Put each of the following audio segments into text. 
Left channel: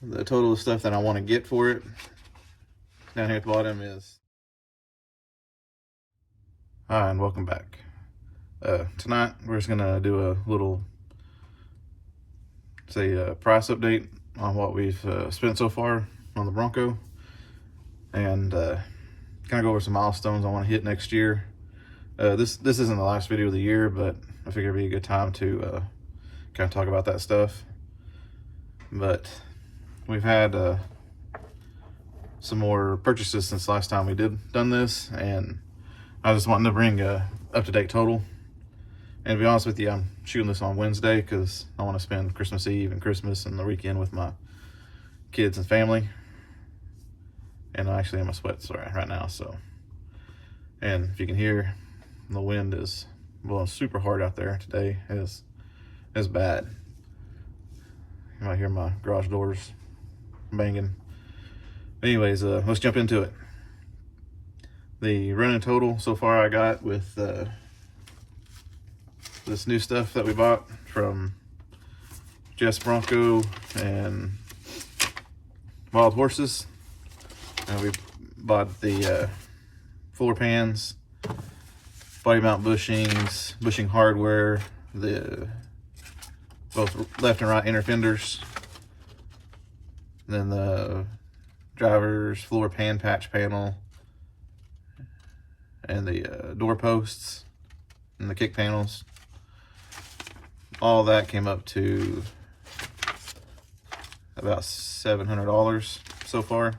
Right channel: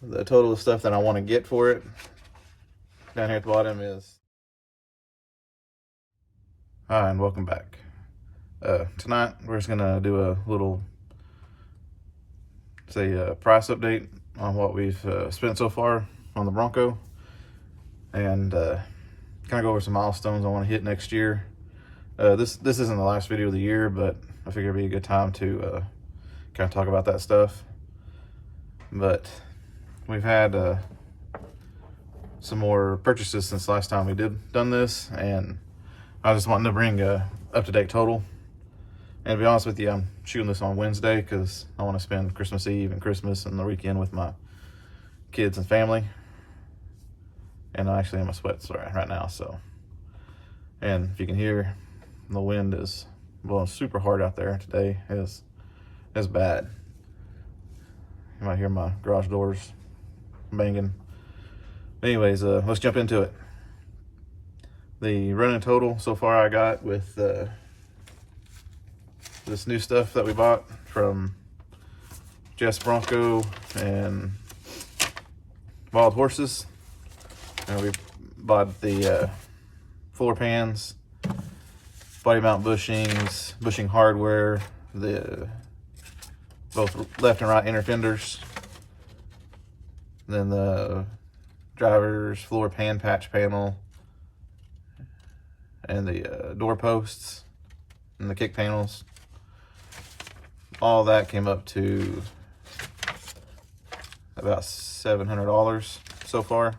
The total of stuff that I want to get for it down here at the bottom is. Hi, and welcome back. Tonight we're just gonna do a little, price update on what we've spent so far on the Bronco, and kind of go over some milestones I want to hit next year. This isn't the last video of the year, but I figured it'd be a good time to kind of talk about that stuff. But we've had some more purchases since last time we done this, and I just wanted to bring a up-to-date total. And to be honest with you, I'm shooting this on Wednesday because I want to spend Christmas Eve and Christmas and the weekend with my kids and family. And I'm actually in my sweats right now, so. And if you can hear, the wind is blowing super hard out there today. It's bad. You might hear my garage doors banging. Anyways, let's jump into it. The running total so far I got with this new stuff that we bought from Jess Bronco and Wild Horses. And we bought the floor pans, body mount bushings, bushing hardware, the both left and right inner fenders, then the driver's floor pan patch panel, and the door posts and the kick panels. All that came up to about $700 so far.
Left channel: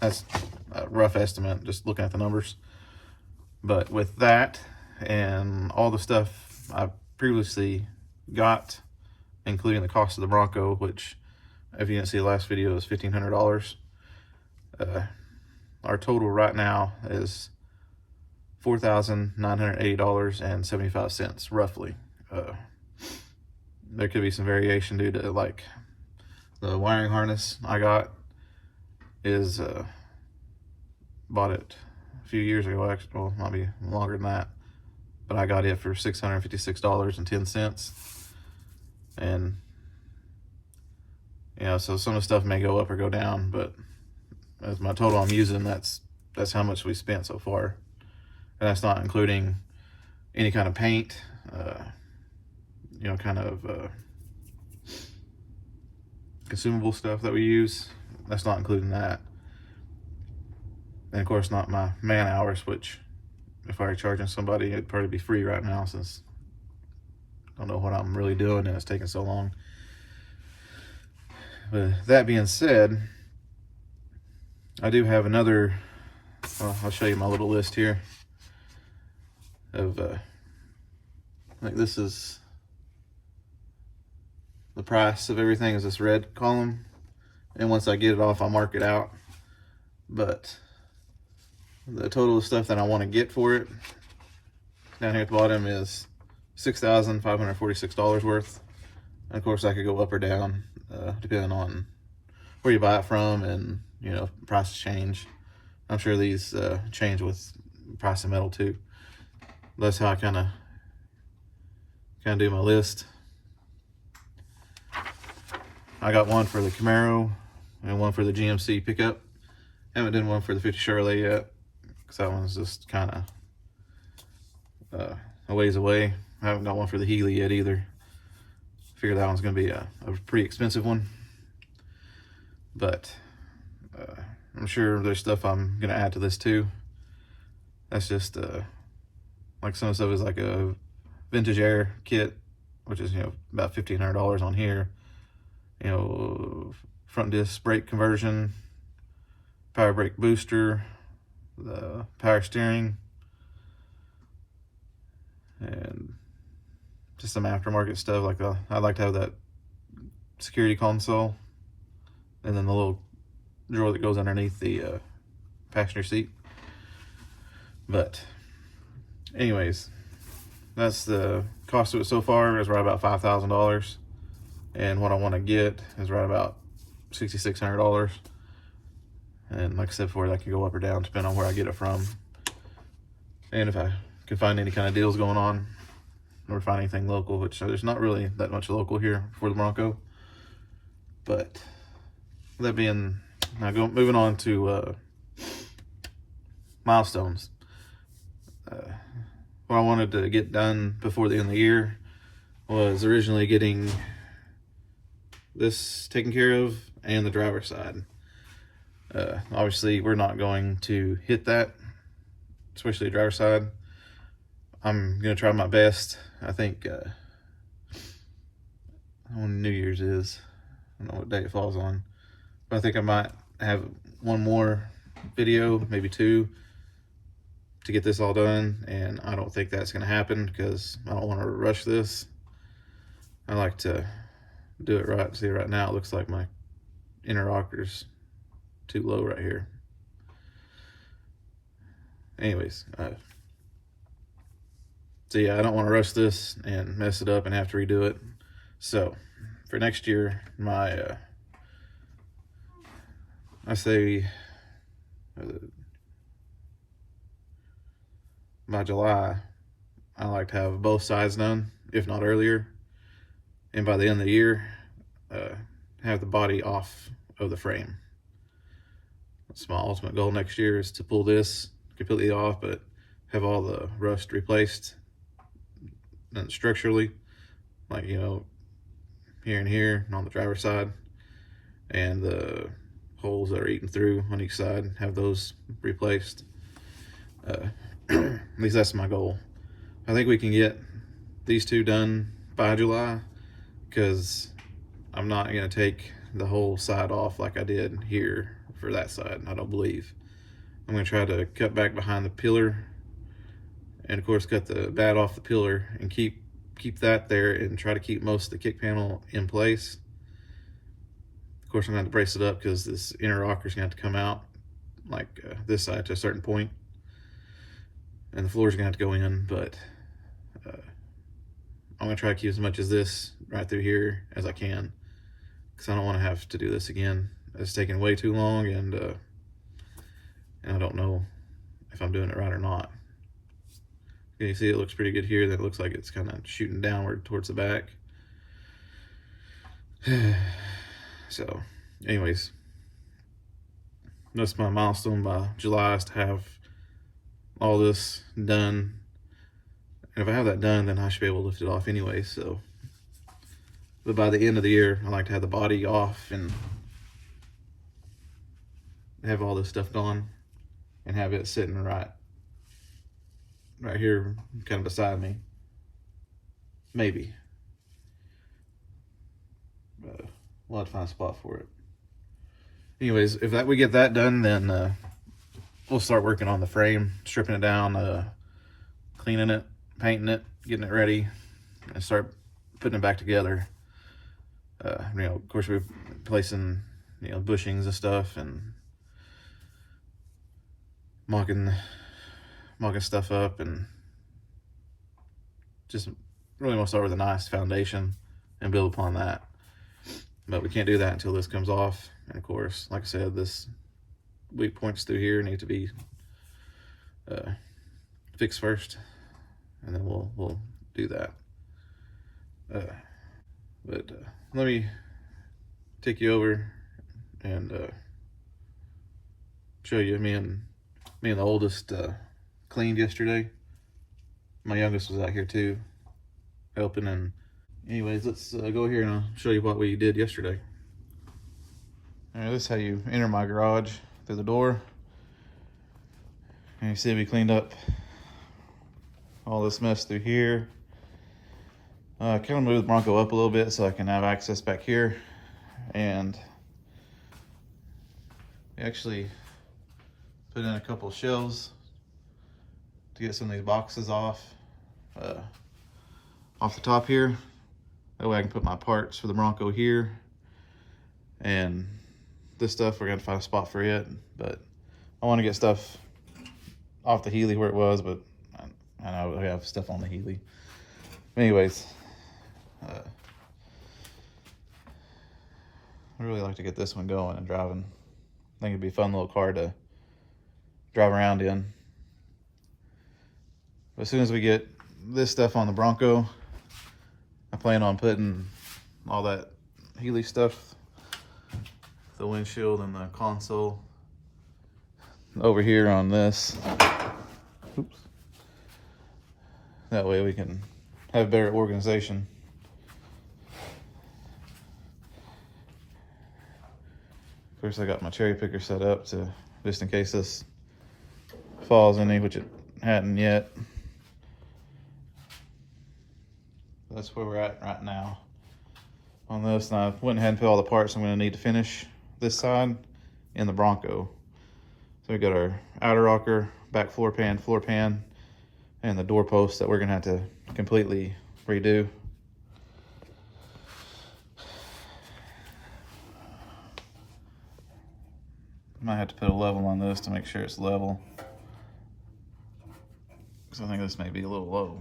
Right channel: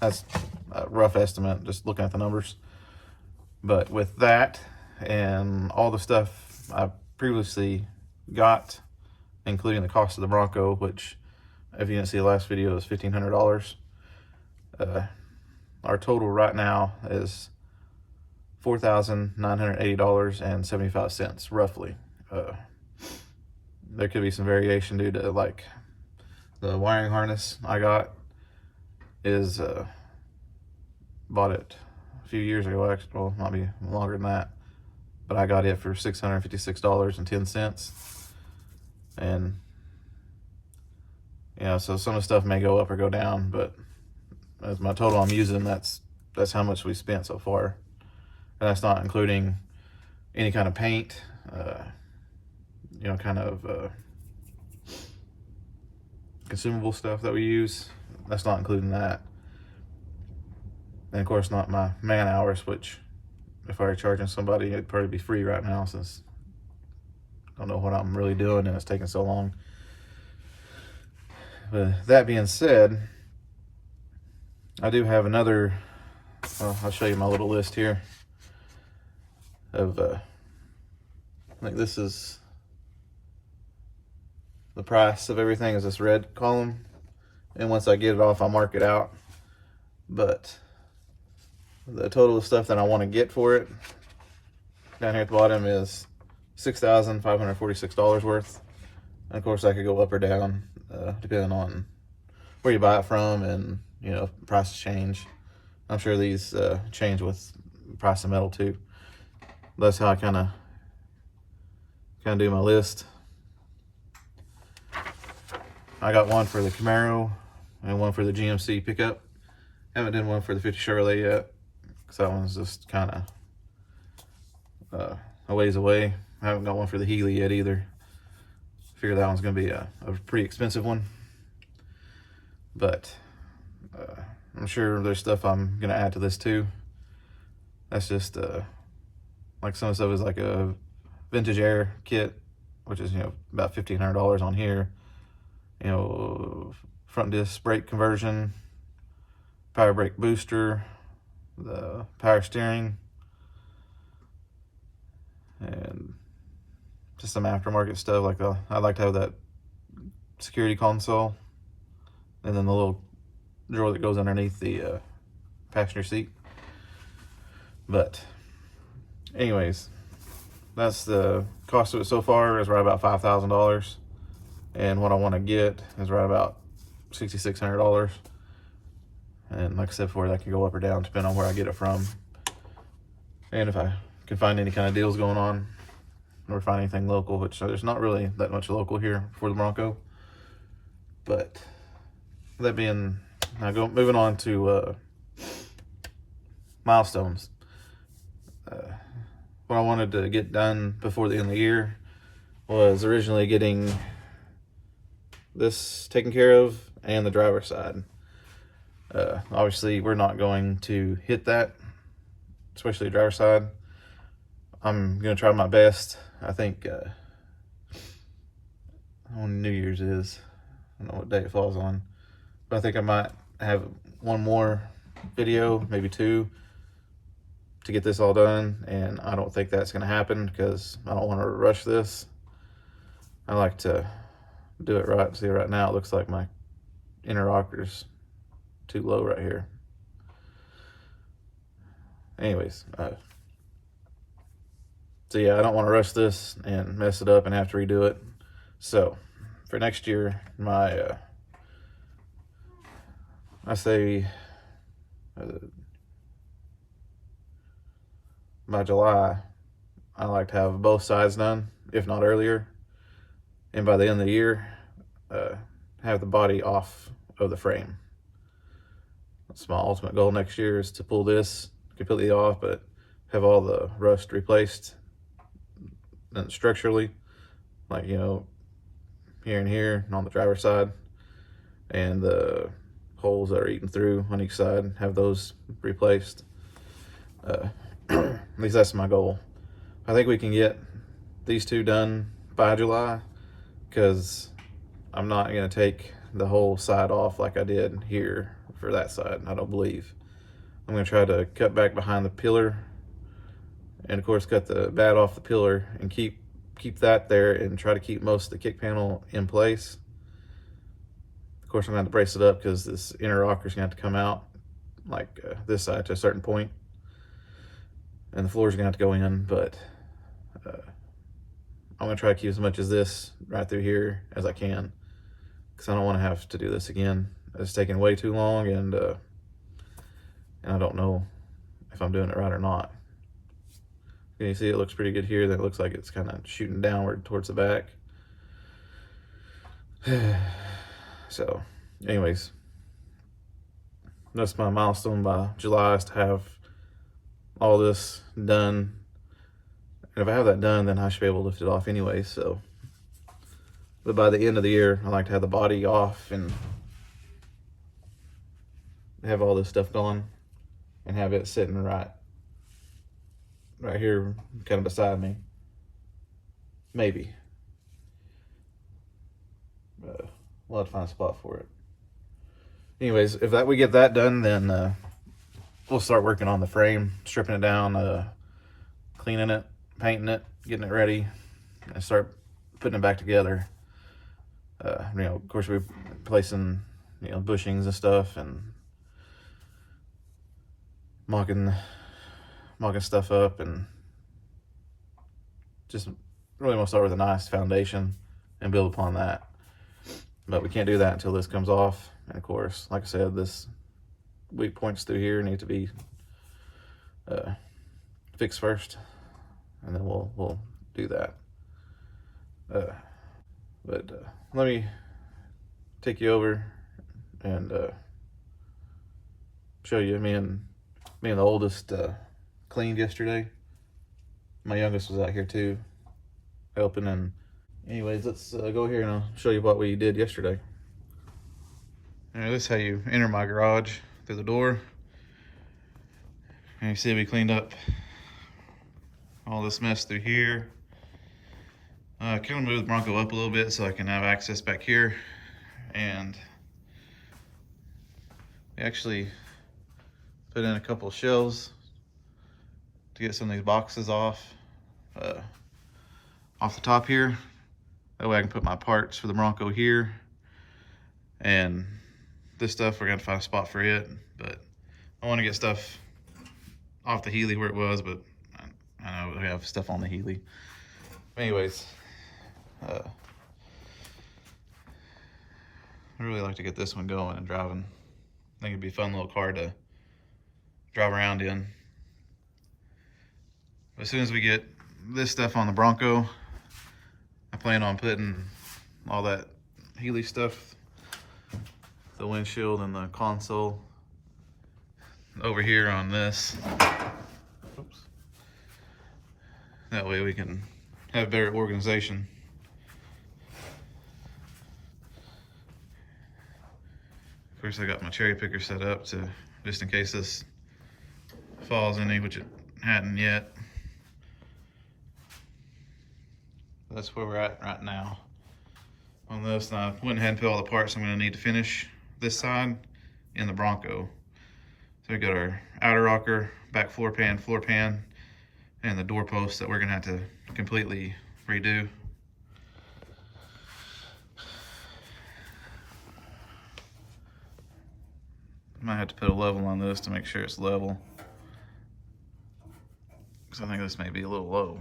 That's a rough estimate, just looking at the numbers. But with that and all the stuff I previously got, including the cost of the Bronco, which, if you didn't see the last video, is $1,500. Our total right now is $4,980.75, roughly. There could be some variation due to, like, the wiring harness I got is bought it a few years ago, actually. Well, might be longer than that, but I got it for $656.10. And you know, so some of the stuff may go up or go down, but as my total I'm using, that's how much we spent so far. And that's not including any kind of paint, you know, kind of consumable stuff that we use. That's not including that. And of course not my man hours, which if I were charging somebody, it'd probably be free right now, since I don't know what I'm really doing and it's taking so long. But that being said, I do have another, well, I'll show you my little list here of, I think this is the price of everything, is this red column. And once I get it off, I'll mark it out. But the total of stuff that I want to get for it down here at the bottom is $6,546 worth. And of course, I could go up or down depending on where you buy it from, and you know, prices change. I'm sure these change with the price of metal too. That's how I kind of do my list. I got one for the Camaro and one for the GMC pickup. Haven't done one for the 50 Chevrolet yet, because that one's just kind of a ways away. I haven't got one for the Healy yet either. Figure that one's going to be a pretty expensive one. But I'm sure there's stuff I'm going to add to this too. That's just like some of the stuff is like a vintage air kit, which is, you know, about $1,500 on here. You know, front disc brake conversion, power brake booster, the power steering, and just some aftermarket stuff. Like I like to have that security console, and then the little drawer that goes underneath the passenger seat. But anyways, that's the cost of it so far, is right about $5,000. And what I want to get is right about $6,600. And like I said before, that could go up or down depending on where I get it from. And if I can find any kind of deals going on, or find anything local, which there's not really that much local here for the Bronco. But that being, moving on to Milestones. What I wanted to get done before the end of the year was originally getting this taken care of and the driver's side. Obviously, we're not going to hit that, especially the driver's side. I'm going to try my best. I think when New Year's is, I don't know what day it falls on, but I think I might have one more video, maybe two, to get this all done, and I don't think that's going to happen because I don't want to rush this. I like to do it right. See, right now it looks like my inner rocker's too low right here. Anyways, so yeah, I don't want to rush this and mess it up and have to redo it. So for next year, my I say by July, I like to have both sides done, if not earlier. And by the end of the year, have the body off of the frame. That's my ultimate goal next year, is to pull this completely off, but have all the rust replaced and structurally, like, you know, here and here and on the driver's side, and the holes that are eaten through on each side, have those replaced. At least that's my goal. I think we can get these two done by July, because I'm not going to take the whole side off like I did here for that side, I don't believe. I'm going to try to cut back behind the pillar, and of course cut the bat off the pillar and keep that there, and try to keep most of the kick panel in place. Of course, I'm going to have to brace it up because this inner rocker is going to have to come out like this side to a certain point, and the floor is going to have to go in, but I'm going to try to keep as much as this right through here as I can, because I don't want to have to do this again. It's taking way too long, and I don't know if I'm doing it right or not. Can you see it looks pretty good here? Then it looks like it's kind of shooting downward towards the back. So anyways, that's my milestone by July, is to have all this done. And if I have that done, then I should be able to lift it off anyway. So, but by the end of the year, I like to have the body off and have all this stuff gone, and have it sitting right here, kind of beside me. Maybe. We'll have to find a spot for it. Anyways, if we get that done, then we'll start working on the frame, stripping it down, cleaning it, painting it, getting it ready, and start putting it back together. You know, of course, we're placing, you know, bushings and stuff, and mocking stuff up, and just really want to start with a nice foundation and build upon that. But we can't do that until this comes off. And of course, like I said, this weak points through here need to be fixed first, and then we'll do that. But let me take you over and show you me and the oldest cleaned yesterday. My youngest was out here too, helping. And anyways, let's go here and I'll show you what we did yesterday. All right, this is how you enter my garage, through the door. And you see we cleaned up all this mess through here. Kind of moved the Bronco up a little bit so I can have access back here. And we actually put in a couple of shelves to get some of these boxes off the top here. That way I can put my parts for the Bronco here. And this stuff, we're gonna find a spot for it. But I want to get stuff off the Healy where it was, but I know we have stuff on the Healy. Anyways, I really like to get this one going and driving. I think it'd be a fun little car to drive around in. But as soon as we get this stuff on the Bronco, I plan on putting all that Healy stuff, the windshield and the console over here on this. Oops. That way we can have better organization. Of course, I got my cherry picker set up to just in case this falls any, which it hadn't yet. That's where we're at right now on this. Now I went ahead and put all the parts I'm going to need to finish this side in the Bronco. So we got our outer rocker, back floor pan, and the door posts that we're going to have to completely redo. Might have to put a level on this to make sure it's level, because I think this may be a little low.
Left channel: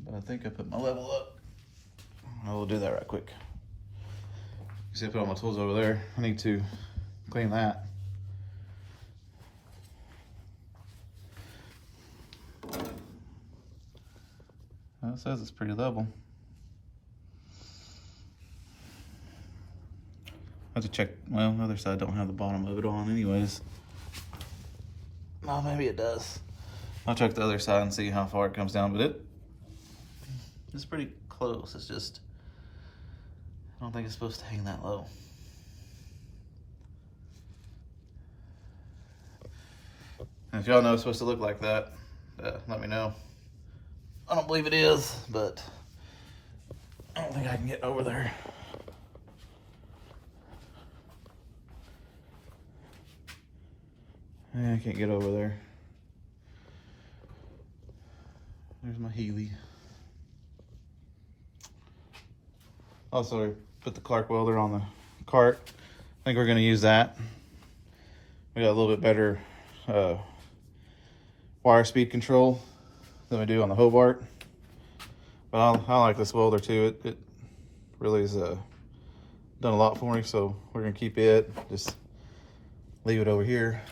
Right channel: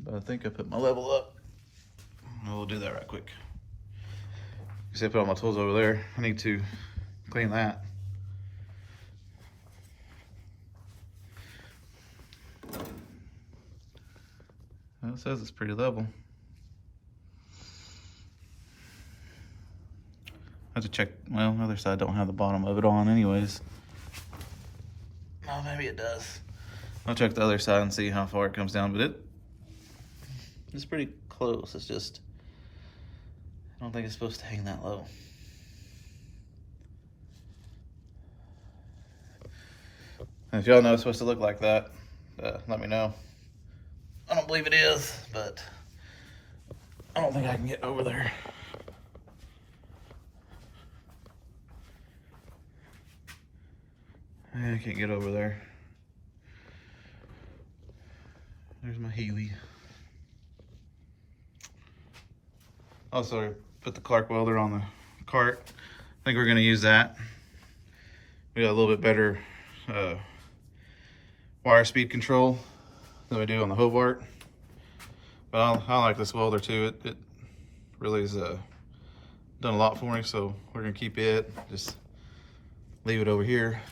But I think I put my level up. I will do that right quick. You see I put all my tools over there. I need to clean that. Well, it says it's pretty level. I have to check. Well, the other side don't have the bottom of it on anyways. No, maybe it does. I'll check the other side and see how far it comes down, but it's pretty close. It's just, I don't think it's supposed to hang that low. And if y'all know it's supposed to look like that, let me know. I don't believe it is, but I don't think I can get over there. Yeah, I can't get over there. There's my Healy. Also, put the Clark welder on the cart. I think we're gonna use that. We got a little bit better wire speed control than we do on the Hobart. But I like this welder too. It really has done a lot for me, so we're gonna keep it. Just leave it over here.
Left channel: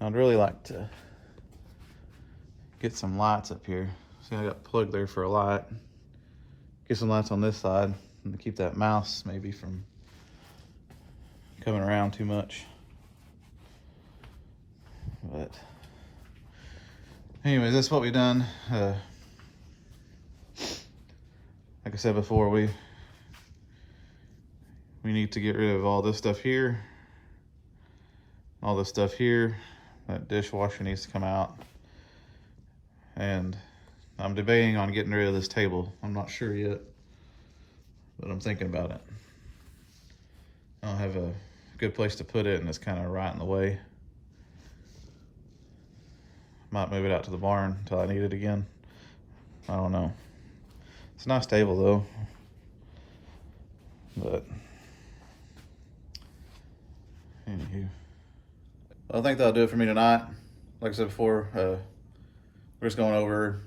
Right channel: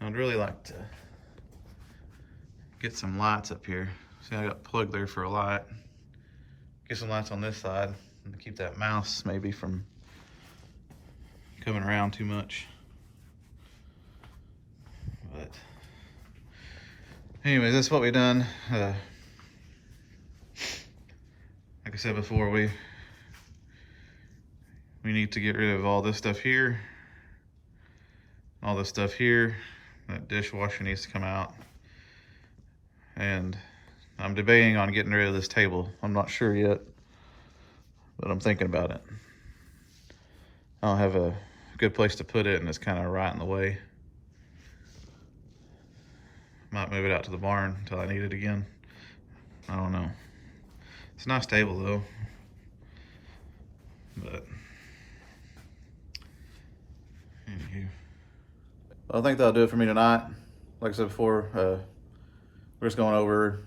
I'd really like to get some lights up here. See, I got plugged there for a light. Get some lights on this side and keep that mouse maybe from coming around too much. But anyways, that's what we've done. Like I said before, we need to get rid of all this stuff here, all this stuff here. That dishwasher needs to come out. And I'm debating on getting rid of this table. I'm not sure yet, but I'm thinking about it. I don't have a good place to put it, and it's kind of right in the way. Might move it out to the barn until I need it again. I don't know. It's a nice table though. But anywho, I think that'll do it for me tonight. Like I said before, we're just going over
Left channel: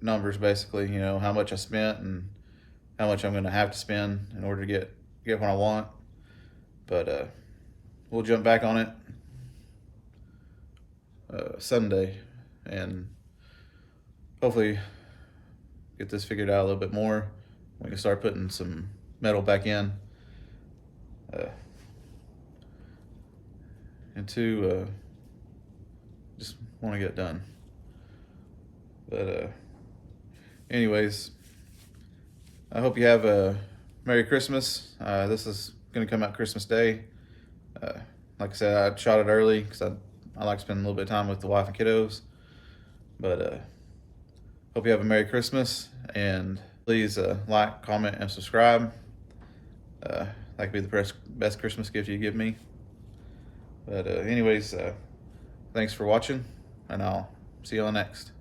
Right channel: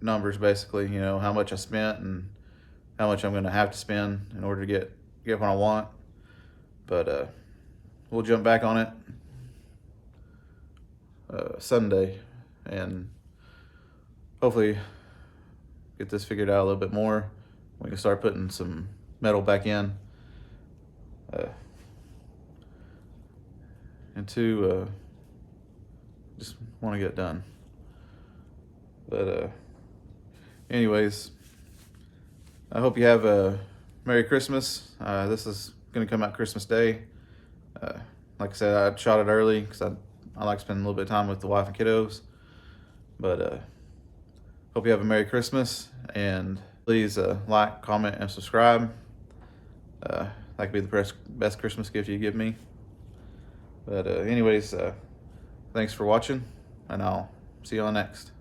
numbers basically, you know, how much I spent and how much I'm gonna have to spend in order to get what I want. But we'll jump back on it Sunday and hopefully get this figured out a little bit more. We can start putting some metal back in. And two, just want to get it done. But anyways, I hope you have a Merry Christmas. This is going to come out Christmas Day. Like I said, I shot it early because I like spending a little bit of time with the wife and kiddos. But hope you have a Merry Christmas, and please like, comment, and subscribe. That could be the best Christmas gift you give me. But anyways, thanks for watching, and I'll see you on next.